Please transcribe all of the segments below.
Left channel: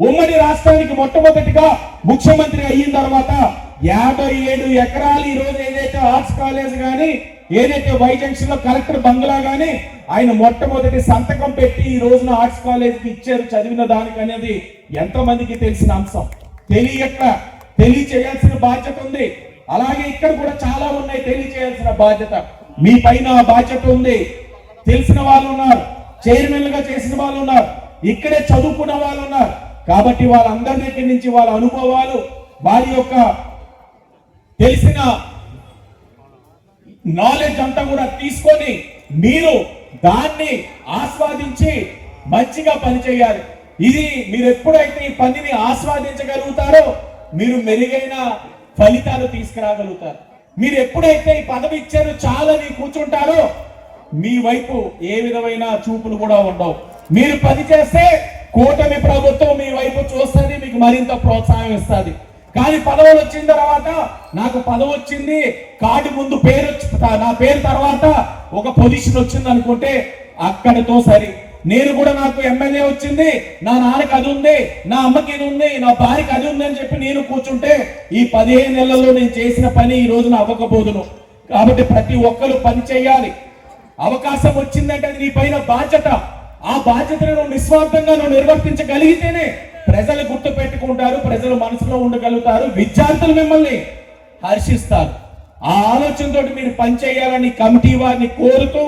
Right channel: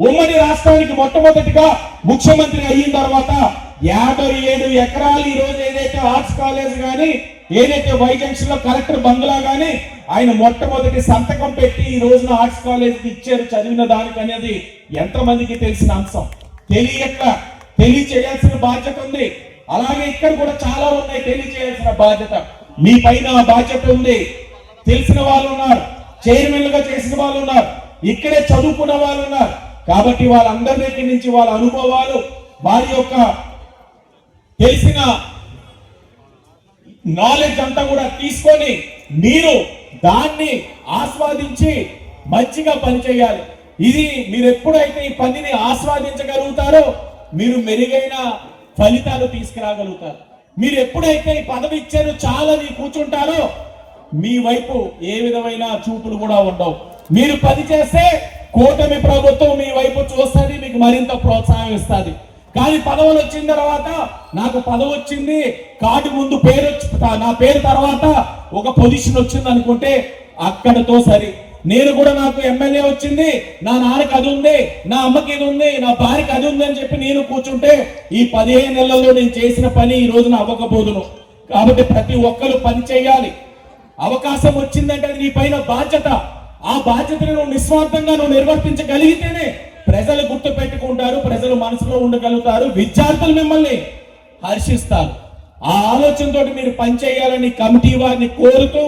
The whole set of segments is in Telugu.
ఉమ్మడి రాష్ట్రానికి మొట్టమొదటిగా ముఖ్యమంత్రి అయిన తర్వాత యాభై ఏడు ఎకరాలు ఈ రోజు ఏదైతే ఆర్ట్స్ కాలేజ్ గాని ఏదైతే వై జంక్షన్లో కలెక్టర్ బంగ్లా గాని ఆయన మొట్టమొదటి సంతకం పెట్టి ఈ రోజున ఆర్ట్స్ కాలేజ్కి ఇచ్చారు. చదివిన దానికి అనేది ఎంతమందికి తెలిసిన అంశం. తెలియక తెలియచేయాల్సిన బాధ్యత ఉంది. అలాగే ఇక్కడ కూడా చాలా ఉన్నాయి. తెలియచేయాల్సిన బాధ్యత. మీ పైన బాధ్యత ఉంది. తెలిసిన వాళ్ళు ఉన్నారు. చైర్మన్గా చేసిన వాళ్ళు ఉన్నారు. ఇక్కడే చదువుకున్న వాళ్ళు ఉన్నారు. కాబట్టి వాళ్ళందరి దగ్గర నుంచి వాళ్ళ అనుభవాలు వారి యొక్క తెలిసిన నాలెడ్జ్ అంతా కూడా తీసుకొని మీరు దాన్ని ఆస్వాదించి మంచిగా పనిచేయాలి. ఇది మీరు ఎప్పుడైతే ఈ పనిని ఆస్వాదించగలుగుతారో మీరు మెరుగైన ఫలితాలు తీసుకురాగలుగుతారు. మీరు ఎప్పుడైతే ఈ పదవి ఇచ్చారో చాలని కూర్చుంటారో మీ వైపు ఏ విధమైన చూపులు కూడా ఉండవు. మీరు పని చేస్తే కూటమి ప్రభుత్వం మీ వైపు చూస్తుంది మీకు మరింత ప్రోత్సాహం ఇస్తుంది. కానీ పదవులు వచ్చిన తర్వాత నాకు పదవి వచ్చింది కార్డు ముందు పేరు వచ్చి నా పేరు తర్వాత ఒక పొజిషన్ వచ్చింది అనుకుంటే అక్కడితో సరి. నేను కూడా నాకు ఎమ్మెల్యే వచ్చింది నా నాన్నకి అది ఉంది నా అమ్మకి ఇది ఉంది నా భార్యకి అది ఉంది అని చెప్పి నేను కూర్చుంటే ఈ పదిహేను నెలల్లో నేను చేసిన పని ఈ రోజున అవ్వకపోదును. కాబట్టి ప్రతి ఒక్కరు పని చేయాలి. అవకాశం వచ్చిందంటే అది నీ పైన బాధ్యత. ఆ బాధ్యతను నువ్వు నిస్వార్థంగా నువ్వు నిర్వర్తించగలిగితేనే ప్రజలు గుర్తు పెట్టుకుంటారు ప్రజలు మనసులో ఉండగలుగుతారు విద్యార్థులు మిమ్మల్ని హర్షిస్తారు. ఆ ఆలోచనతో మీరు పనిచేయాలని కమిటీ వారిని కోరుతూ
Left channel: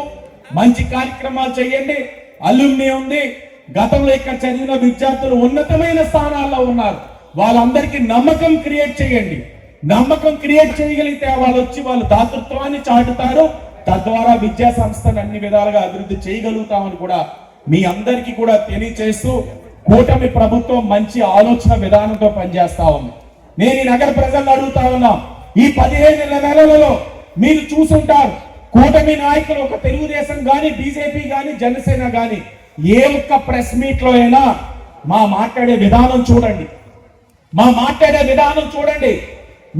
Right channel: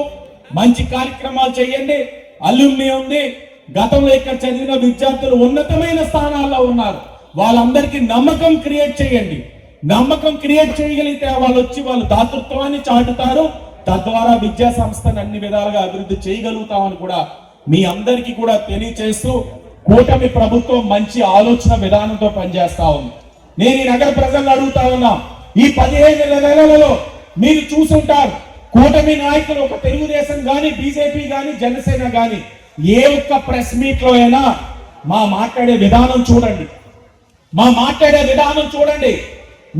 మంచి కార్యక్రమాలు చేయండి. అల్యూమిని ఉంది. గతంలో ఇక్కడ చదివిన విద్యార్థులు ఉన్నతమైన స్థానాల్లో ఉన్నారు. వాళ్ళందరికీ నమ్మకం క్రియేట్ చేయండి. నమ్మకం క్రియేట్ చేయగలిగితే వాళ్ళు వచ్చి వాళ్ళు దాతృత్వాన్ని చాటుతారు. తద్వారా విద్యా సంస్థను అన్ని విధాలుగా అభివృద్ధి చేయగలుగుతామని కూడా మీ అందరికీ కూడా తెలియచేస్తూ కూటమి ప్రభుత్వం మంచి ఆలోచన విధానంతో పనిచేస్తా ఉంది. నేను ఈ నగర ప్రజలను అడుగుతా ఉన్నా. ఈ పదిహేను నెలలలో మీరు చూసుంటారు. కూటమి నాయకులు ఒక తెలుగుదేశం కానీ బీజేపీ కానీ జనసేన కానీ ఏ ఒక్క ప్రెస్ మీట్లో అయినా మా మాట్లాడే విధానం చూడండి. మా మాట్లాడే విధానం చూడండి.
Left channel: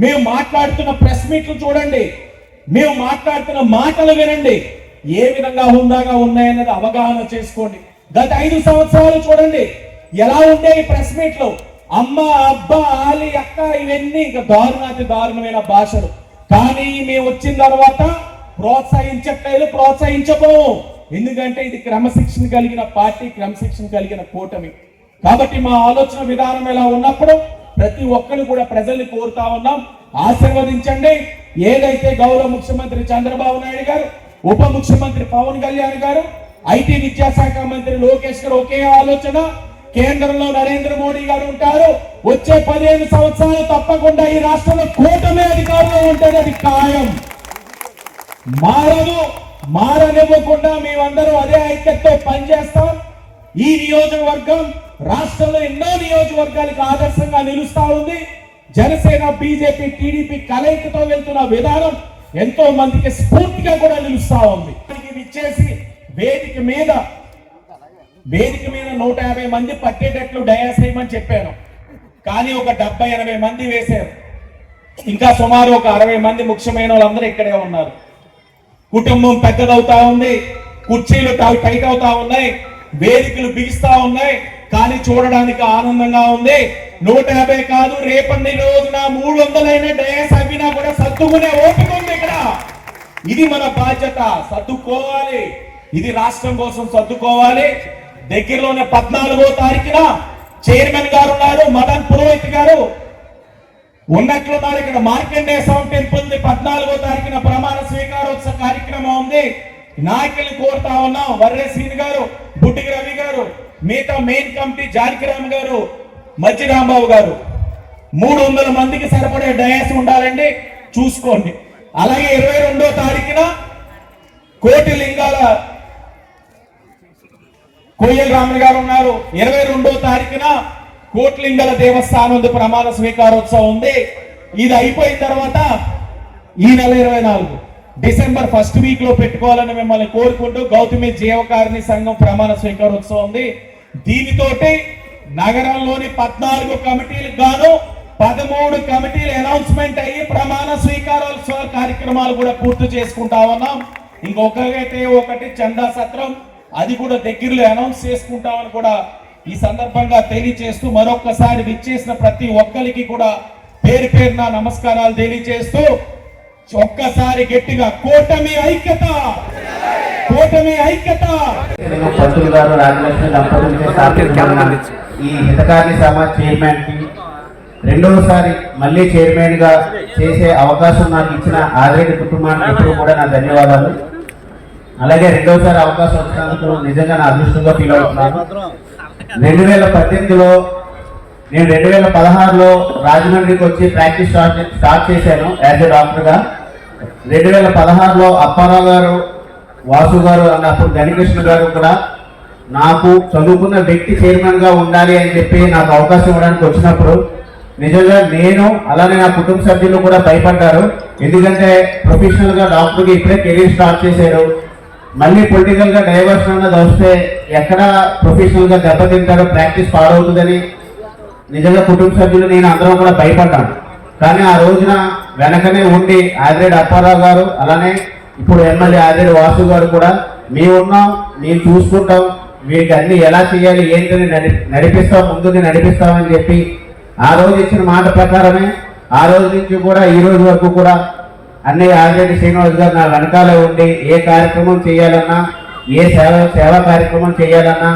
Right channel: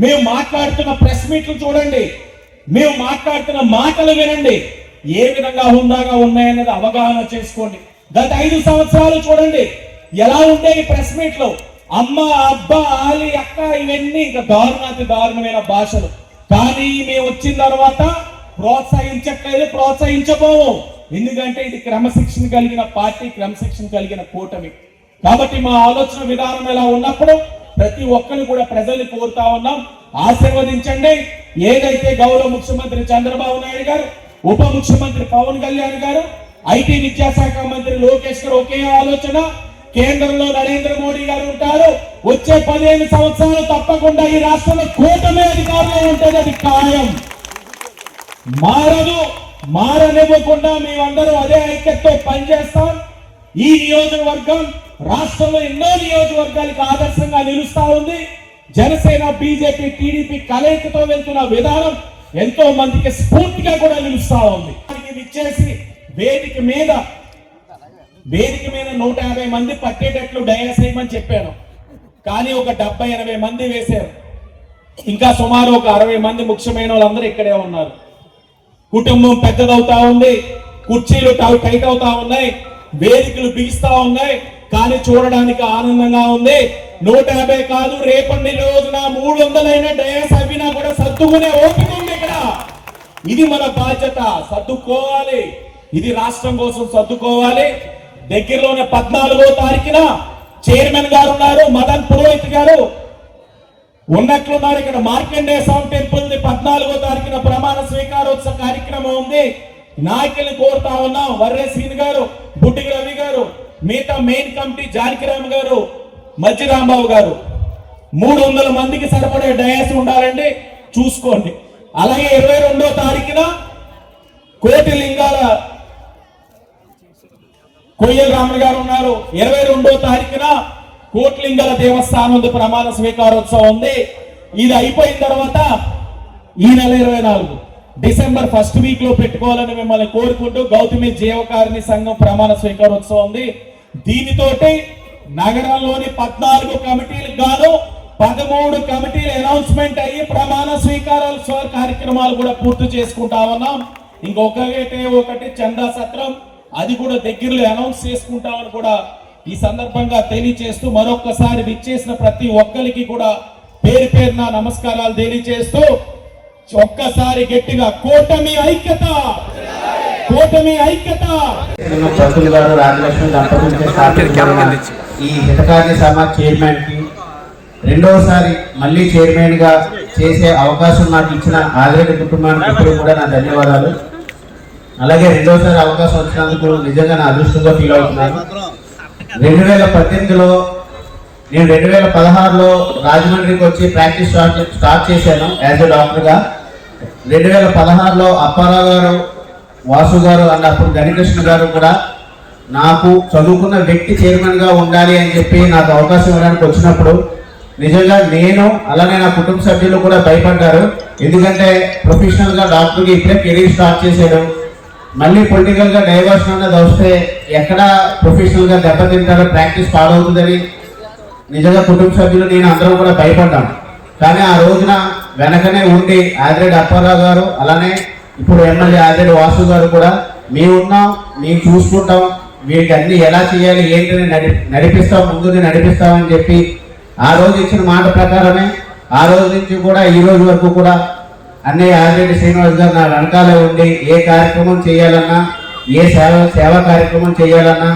మేము మాట్లాడుతున్న ప్రెస్ మీట్లు చూడండి. మేము మాట్లాడుతున్న మాటలు వినండి. ఏ విధంగా హుందాగా ఉన్నాయన్నది అవగాహన చేసుకోండి. గత ఐదు సంవత్సరాలు చూడండి. ఎలా ఉండేవి ఈ ప్రెస్ మీట్లు? అమ్మ అబ్బ ఆలి అక్క ఇవన్నీ ఇంకా దారుణాతి దారుణమైన భాషలు. కానీ మేము వచ్చిన తర్వాత ప్రోత్సహించట్లేదు ప్రోత్సహించబోము. ఎందుకంటే ఇది క్రమశిక్షణ కలిగిన పార్టీ క్రమశిక్షణ కలిగిన కూటమి. కాబట్టి మా ఆలోచన విధానం ఎలా ఉన్నప్పుడు ప్రతి ఒక్కరు కూడా ప్రజల్ని కోరుతా ఉన్నాం. ఆశీర్వదించండి. ఏదైతే గౌరవ ముఖ్యమంత్రి చంద్రబాబు నాయుడు గారు ఉప ముఖ్యమంత్రి పవన్ కళ్యాణ్ గారు ఐటీ విద్యాశాఖ మంత్రి లోకేష్ గారు ఒకే ఆలోచన కేంద్రంలో నరేంద్ర మోడీ గారు ఉంటారు. వచ్చే పదిహేను సంవత్సరాలు తప్పకుండా ఈ రాష్ట్రంలో కూటమి అధికారంలో ఉంటుంది అది ఖాయం. మారదు మారనివ్వకుండా మేమందరూ అదే ఐక్యతతో పనిచేస్తాం. ఈ నియోజకవర్గం రాష్ట్రంలో ఎన్నో నియోజకవర్గాలకు ఆదర్శంగా నిలుస్తా ఉంది. జనసేన బీజేపీ టీడీపీ కలయికతో వెళ్తున్న విధానం ఎంతో మందికి స్ఫూర్తిగా కూడా నిలుస్తా ఉంది. ఇచ్చేసి వేదిక మీద వేదిక మీద నూట యాభై మంది పట్టేటట్లు డయాస్ వేయమని చెప్పాను. కానీ ఒక డెబ్బై ఎనభై మంది వేశారు. ఇంకా సుమారు ఒక అరవై మంది ముఖ్యమైన వాళ్ళందరూ ఇక్కడే ఉన్నారు. కుటుంబం పెద్దదవుతా ఉంది కుర్చీలు టైట్ అవుతా ఉన్నాయి వేదికలు బిగిస్తా ఉన్నాయి కానీ చూడడానికి ఆనందంగా ఉంది. నూట యాభై కాదు రేపటి రోజున మూడు వందలైన డయాస్ అవినా కూడా సర్దుకునే ఓపిక ఉంది ఇక్కడ. ఇది మన బాధ్యత సర్దుకోవాలి. ఇది రాష్ట్రం కోసం సర్దుకోవాలి. దగ్గరలోనే పద్నాలుగో తారీఖున చైర్మన్ గారు ఉన్నారు మదన్ పురోహిత్ గారు. ఉన్నట్లున్నారు ఇక్కడ మార్కండేయ స్వామి టెంపుల్ పద్నాలుగో తారీఖున ప్రమాణ స్వీకారోత్సవ కార్యక్రమం ఉంది. నాయకులు కోరుతా ఉన్నాం వర్రే గారు బుడ్డిగి రవి గారు మిగతా మెయిన్ కమిటీ జానకిరామ్ గారు మజ్జి రాంబాబు గారు. మూడు వందల మందికి సరిపడే డయాస్ ఉండాలండి. చూసుకోండి. అలాగే ఇరవై రెండో తారీఖున కోటి లింగాల కొయ్యల రాములు గారు ఉన్నారు. ఇరవై రెండో తారీఖున కోట్లింగల దేవస్థానం ప్రమాణ స్వీకారోత్సవం ఉంది. ఇది అయిపోయిన తర్వాత ఈ నెల ఇరవై నాలుగు. డిసెంబర్ ఫస్ట్ వీక్లో పెట్టుకోవాలని మిమ్మల్ని కోరుకుంటూ గౌతమి జీవకారిణి సంఘం ప్రమాణ స్వీకారోత్సవం ఉంది. దీనితోటి నగరంలోని పద్నాలుగు కమిటీలకు గాను పదమూడు కమిటీలు అనౌన్స్మెంట్ అయ్యి ప్రమాణ స్వీకారోత్సవ కార్యక్రమాలు కూడా పూర్తి చేసుకుంటా ఉన్నాం. ఇంకొకటైతే ఒకటి చందా సత్రం. అది కూడా దగ్గరలో అనౌన్స్ చేసుకుంటామని కూడా ఈ సందర్భంగా తెలియజేస్తూ మరొకసారి విచ్చేసిన ప్రతి ఒక్కరికి కూడా పేరు పేరున నమస్కారాలు తెలియజేస్తూ ఒక్కసారి గట్టిగా కూటమి ఐక్యత! కూటమి ఐక్యత! పంతులు గారు రాజలక్ష్మి ఈ హితకార్య సభ చైర్మన్కి రెండవసారి మళ్ళీ చైర్మన్గా చేసే అవకాశం నాకు ఇచ్చిన ఆదిరెడ్డి కుటుంబానికి ఎప్పుడు కూడా నా ధన్యవాదాలు. అలాగే రెండోసారి అవకాశం వచ్చినందుకు నిజంగా నా అదృష్టంగా ఫీల్ అవుతున్నాను. రెండు వేల పద్దెనిమిదిలో నేను రెండు వేల పదహారులో రాజమండ్రికి వచ్చి ప్రాక్టీస్ స్టార్ట్ స్టార్ట్ చేశాను యాజ్ ఎ డాక్టర్గా. రెండు వేల పదహారులో అప్పారావు గారు వాసు గారు అన్నప్పుడు గణికృష్ణ గారు కూడా నాకు చదువుకున్న వ్యక్తి చైర్మన్గా ఉండాలి అని చెప్పి నాకు అవకాశం ఇవ్వడానికి వచ్చినప్పుడు నిజంగా నేను అలానే నా కుటుంబ సభ్యులు కూడా భయపడ్డారు. ఎందుకంటే ప్రొఫెషనల్గా డాక్టర్కి ఇప్పుడే కెరీర్ స్టార్ట్ చేశారు. మళ్ళీ పొలిటికల్గా డైవర్షన్ అన్నది వస్తే ఎక్కడ ప్రొఫెషనల్గా దెబ్బతింటారో ప్రాక్టీస్ పాడవుతుందని నిజంగా కుటుంబ సభ్యులు నేను అందరం కూడా భయపడ్డాను కానీ ఆ రోజున వెనకనే ఉండి ఆదిరెడ్డి అప్పారావు గారు అలానే ఇప్పుడు ఎమ్మెల్యే ఆదిరెడ్డి వాసు గారు కూడా మేము ఉన్నాం మేము చూసుకుంటాం వీరికి అన్ని ఎలా చేయాలి ఏంటని నడి నడిపిస్తాం ముందుని నడిపిస్తామని చెప్పి ఆ రోజు ఇచ్చిన మాట ప్రకారమే ఆ రోజు నుంచి కూడా ఈ రోజు వరకు కూడా అన్నయ్య ఆదిరెడ్డి శ్రీనివాస్ గారు నా వెనకాలే ఉండి ఏ కార్యక్రమం చేయాలన్నా ఏ సేవ సేవా కార్యక్రమం చేయాలన్నా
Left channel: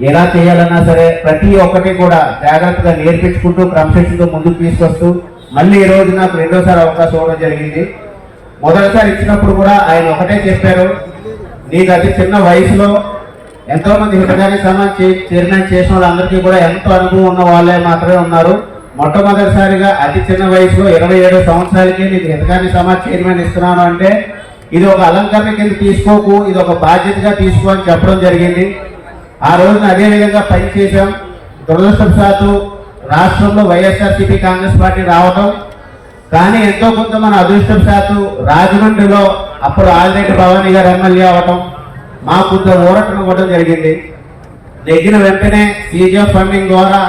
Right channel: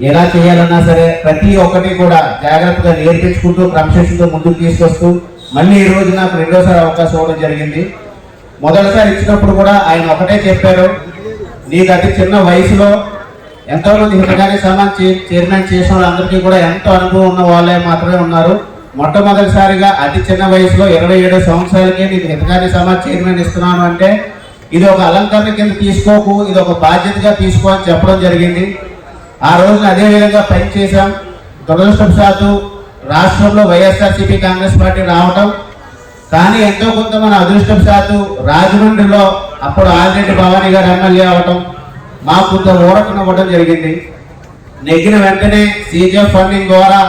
ఎలా చేయాలన్నా సరే ప్రతి ఒక్కటి కూడా జాగ్రత్తగా నేర్పించుకుంటూ క్రమశిక్షణతో ముందుకు తీసుకొస్తూ మళ్ళీ ఈ రోజు నాకు రెండోసారి అవకాశం ఇవ్వడం జరిగింది. మొదటిసారి ఇచ్చినప్పుడు కూడా ఆయన ఒకటే చెప్పారు నీకు అతి చిన్న వయసులో ఎంతో మంది హితకారి సమాజ్ చైర్మన్ చేసిన వాళ్ళందరికీ కూడా ఎంతో అనుభవం ఉన్న వాళ్ళే మాత్రమే ఉన్నారు. మొట్టమొదటిసారిగా అతి చిన్న వయసులో ఇరవై ఏడో సంవత్సరాలకే నీకు హితకారి సమాజ్ చైర్మన్ ఇస్తున్నాను అంటే ఇది ఒక అలంకరణ కింద తీసుకోకు ఇది ఒక బాధ్యతగా తీసుకో అని చెప్పడం జరిగింది. ఆ రోజున అదే విధంగా దురదృష్టం దురదృష్టవశాత్తు రాష్ట్రంలో వైఎస్ఆర్సీపీ కాంగ్రెస్ పార్టీ రావటం కానీ ఎంతో కొంత మన అదృష్టం శాతం రాజమండ్రిలో అప్పుడు ఆదిరెడ్డి భవానీ గారు ఎమ్మెల్యే అవటం మాకు కొంత ఊరటం ఇవ్వడం జరిగింది. నెగ్గిన వెంటనే సీజీఎఫ్ ఫండింగ్ ద్వారా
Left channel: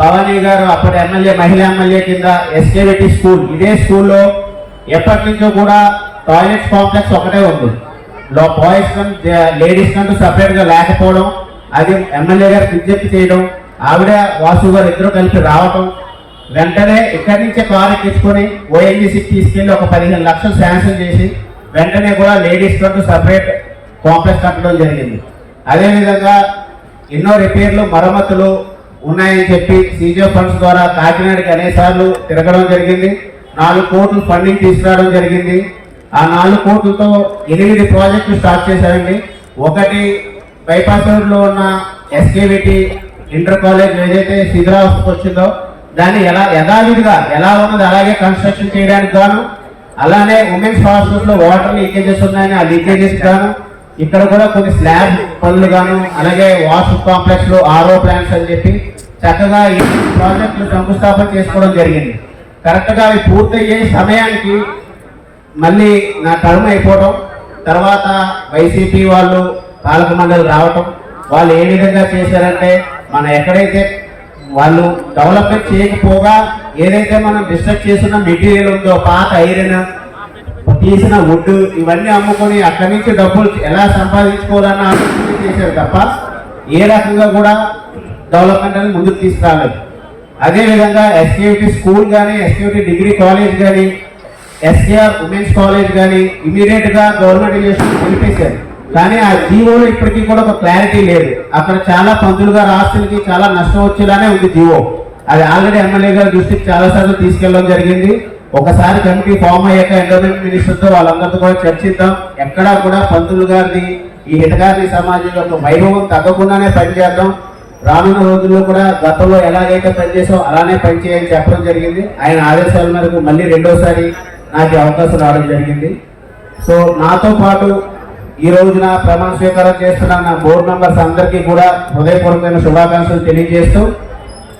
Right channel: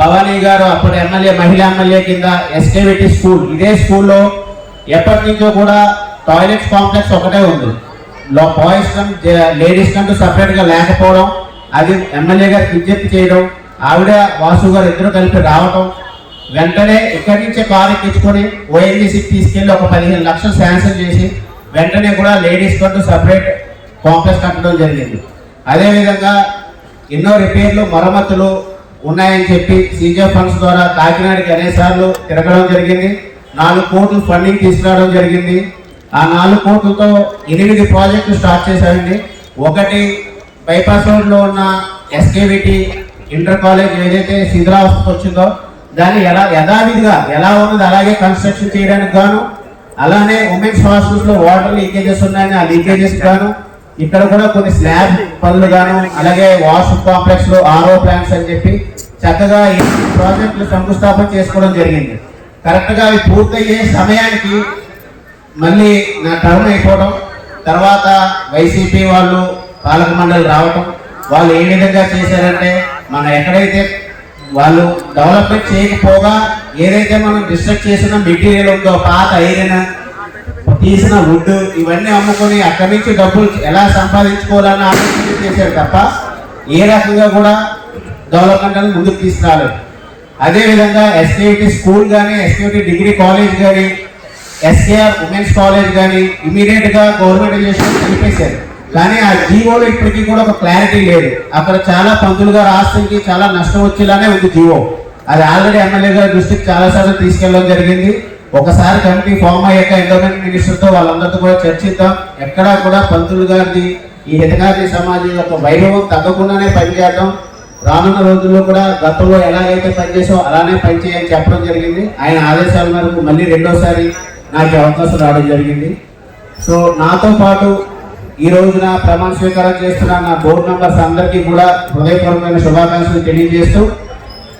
భవానీ గారు అప్పటి ఎమ్మెల్యే మహిళా ఎమ్మెల్యే కింద ఎస్కేవిటీ స్కూల్ ఇదే స్కూల్లో ఎప్పటి నుంచో కూడా టాయిలెట్స్ కాంప్లెక్స్ ఒకటే ఉంది. లో బాయ్స్ లేడీస్ కంటూ సపరేట్గా లేకపోవడం అది ఎమ్మెల్యే గారు విజ్ఞప్తి చేయడం ఆవిడ వాసు గారు ఇద్దరు కలిపి రావటం వెంటనే ఇక్కడి నుంచే కారు ఎక్కించుకొని ఓఎన్జీసీకి తీసుకెళ్ళి ఒక పదిహేను లక్షలు శాంక్షన్ చేసి వెంటనే కూడా లేడీస్ కంటూ సపరేట్ కాంప్లెక్స్ కట్టడం జరిగింది. అదేవిధంగా ఎన్నో రిపేర్లు మరమ్మతులు ఉన్నాయని చెప్పి సీజో ఫండ్స్ ద్వారా కాకినాడకి అనేసార్లు తిరగడం జరిగింది. నాలుగు కోట్లు ఫండింగ్ తీసుకురావడం జరిగింది. ఆ నాలుగు కోట్లతో ఎనిమిది ప్రాజెక్టులు స్టార్ట్ చేశారండి. ఒకటి బైపాస్ రోడ్లో ఉన్న ఎస్కేవిటీ ఇంటర్ కాలేజ్ ఏదైతే శిథిరావస్థకు వచ్చిందో దాన్ని ఎలా యథావిధిగా ఎలా ఉన్నది అలాగే కన్స్ట్రక్షన్ చేయడానికి గాను అలానే ఉమెన్స్ హాస్టల్స్లో వాటర్ లీకేజెస్ ఉన్నాయని ఆ లీకేజెస్ గాను ఇక్కడ కూడా కొన్ని స్లాబ్ పనులు గాను అలాగే వాష్ కాంప్లెక్స్లో ఆరో ప్లాంట్స్ అని చెప్పి చక్కగా ఈ ప్రాజెక్టులు శంకుస్థాపన చేసుకోవడం జరిగింది. కరెక్ట్గా అవి పూర్తయ్యే సమయానికి మళ్ళీ నా టర్మ్ అయిపోవడం తర్వాత వైసీపీ వాళ్ళు పాలక మండలి రావటం వాళ్ళు ఏ విధంగా చేశారంటే మన ఎక్కడైతే వాళ్ళు డెవలప్మెంట్ చేయకపోగా ఏదైతే మనం డిస్ట్రక్ట్ చేసిన మెటీరియల్ ఉందో పాత ఐరన్ తీసిన వుడ్ ఇవన్నీ అమ్ముకొని అక్కడి నుంచి డబ్బులు ఎలా సంపాదించుకోవాలన్న ఆలోచన చేశారు తప్ప ఏ రకంగా కూడా డెవలప్మెంట్ అనేది ముందుకు తీసుకురాలేదు. అదేవిధంగా విధంగా స్కూల్ కానీ ఎస్కేటి డిగ్రీ కాలేజ్ కానీ ఎస్కేఆర్ ఉమెన్స్ కాలేజ్ కానీ ఇమీడియట్గా గవర్నమెంట్ ఎడ్యుకేషన్ తెలిపేశారు. కానీ ఆ జీవోలో ఇప్పటికీ కూడా ఒక క్లారిటీ లేదు. అక్కడ చాలా పంతులు గారు ఆస్తులకి చాలా నష్టం వచ్చేలానే ఉంది జీవో. అది ఆల్రెడీ ఎమ్మెల్యే గారి దృష్టికి చాలా సార్లు తీసుకెళ్ళడం జరిగింది. ఒకసారి కమిటీ ఫామ్ అయ్యాక ఎండోమెంట్ మినిస్టర్తో వాళ్ళందరితో కూడా చర్చిద్దాం. ఎక్కడా కూడా పంతులు గారిది ఈ హితకారి సమాజం యొక్క వైభవం తగ్గకుండానే పనిచేద్దాం రానున్న రోజుల్లో కూడా గతంలో ఎలాగైతే పనిచేసో అలానే పనిచేయని చెప్పడం జరిగింది. ఆయన ఆదేశాల మేరకు మళ్ళీ రెండోసారి నాకు అవకాశం రావడం జరిగింది. సో నాతో పాటు ఈ రోజున ప్రమాణ స్వీకారం చేస్తున్న నా బోర్డు మెంబర్స్ అందరికీ కూడా హృదయపూర్వకమైన శుభాకాంక్షలు తెలియజేస్తూ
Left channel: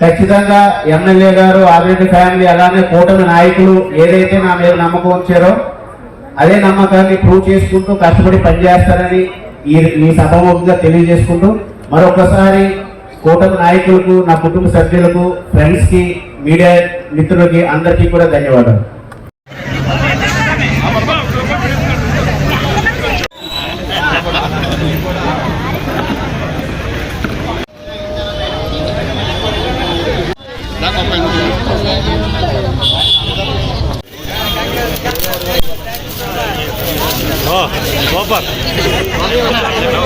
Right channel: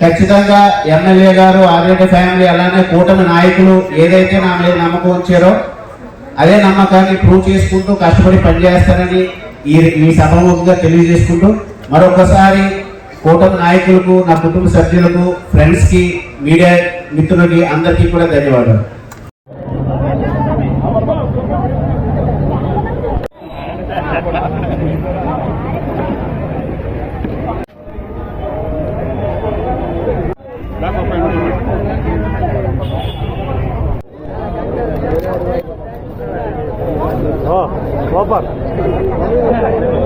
ఖచ్చితంగా ఎమ్మెల్యే గారు ఆదిరెడ్డి ఫ్యామిలీ అలానే కూటమి నాయకులు ఏదైతే నా మీద నమ్మకం ఉంచారో అదే నమ్మకాన్ని ప్రూవ్ చేసుకుంటూ కష్టపడి పనిచేస్తారని ఈ ఈ సభముఖంగా తెలియజేసుకుంటూ మరొకసారి కూటమి నాయకులకు నా కుటుంబ సభ్యులకు ఫ్రెండ్స్కి మీడియా మిత్రులకి అందరికీ కూడా ధన్యవాదాలు. అనసూయ అన్న